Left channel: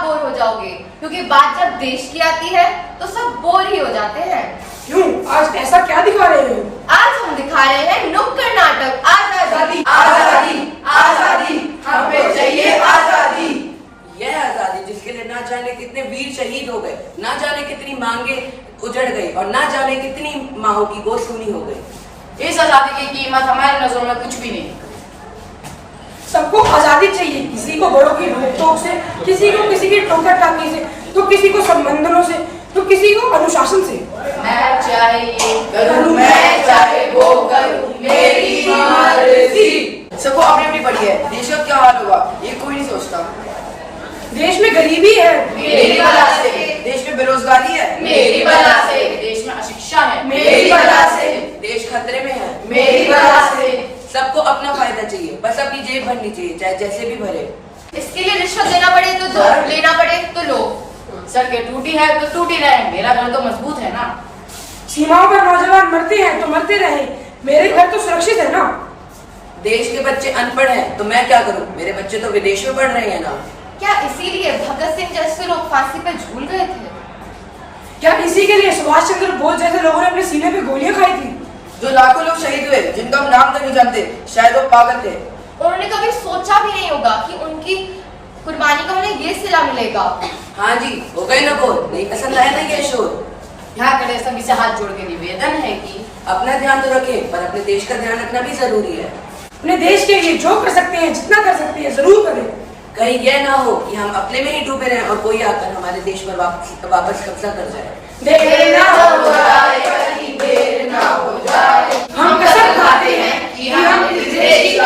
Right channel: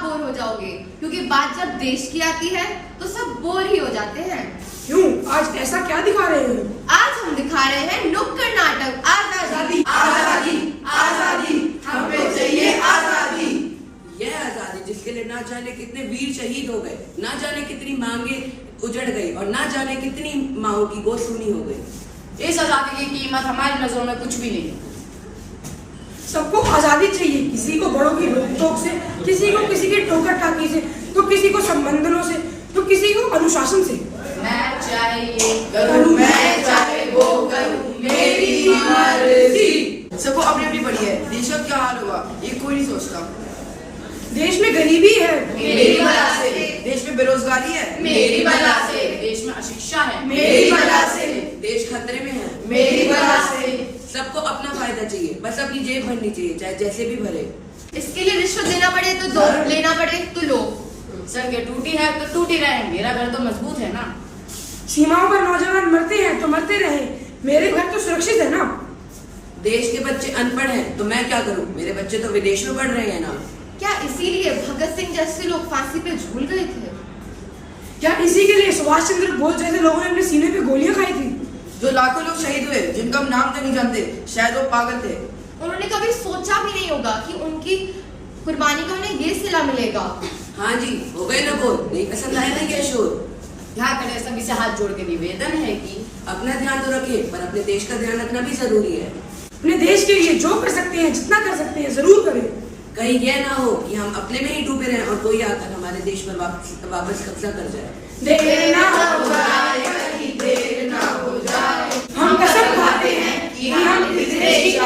आप बोर हो जाओगे, क्योंकि बात जब देश की आती है तो सब बोर ही हो जाते हैं। क्यों, आज ऐसा क्या दिखा रहे हैं? आज हम दिखा रहे हैं नुक्कड़ नाटक आजादी। आजादी आजादी हमें चाहिए आजादी। यह आजादी जिसके लिए ना जाने कितने वीर शहीद हो गए, ना जाने कितनी मांगे उजड़ गई और ना जाने कितनी माओ की गोद सूनी हो गई। इस आजादी की कीमत हमारी नजरों में कुछ भी नहीं। सबको आजादी चाहिए, किसी को बड़ों की रोक-टोक से, किसी को किसी की ठोकर टाकी से, तो किसी को संबंधों से, तो किसी को अनुशासन से। मैं चाहे ये करूं, मैं चाहे वो करूं, मेरी मर्जी। सबको अपनी अपनी पड़ी है, देश का क्या हाल होगा ये कोई नहीं सोचता। देश में गरीबी है, मेरी बला से। देश में बेरोजगारी है, मेरी बला से। देश में अशिक्षा है, मेरी बला से। देश खतरे में है, मेरी बला से। सबको अपना फायदा चाहिए, बस अपनी जेब भरनी चाहिए, चाहे जैसे भी भरे। इसके लिए रिश्वत देना पड़े तो दो, लेना पड़े तो लो। सड़कें टूटी है तो टूटी रहे, मेरा घर तो मजबूत है ना। सीमाओं पर नौजवान मरते हैं तो मरते रहे, मेरे घर तो सुरक्षित है ना। देश के बच्चे अनपढ़ हैं तो मैं क्या करूं, मेरे बच्चे तो विदेश में पढ़ रहे हैं ना। क्या इसीलिए भगत सिंह जैसे लोग फांसी पे झूल गए थे? क्या इसी के लिए सुभाष चंद्र बोस जैसे लोगों ने अपने सीने पे गोलियां खाई थी? जो लाखों लोग शहीद हुए जिनका हम नाम तक नहीं जानते, शायद वो पागल थे। उन्होंने कभी सोचा भी नहीं होगा कि उनकी कुर्बानी का उन्हें ये सिला मिलेगा। हाँ जी, हो गए ना बोल, नहीं पसंद आया ना ये शोर। यहाँ खड़े सभी से हाथ जोड़ के निवेदन है कि अपना ध्यान तो रखें, पर अपने देश का ध्यान रखना भी जरूरी है। अपने देश के लिए जो कर सकते हैं, जितना कर सकते हैं, जरूर करें। कहीं यह ना हो कि हम अपने में ही डूबे रहें और कोई आकर हमारे देश पर वापस कब्जा कर जाए। देर ना हो देर ना हो जाए। हम कसम खाते हैं कि हम इस देश की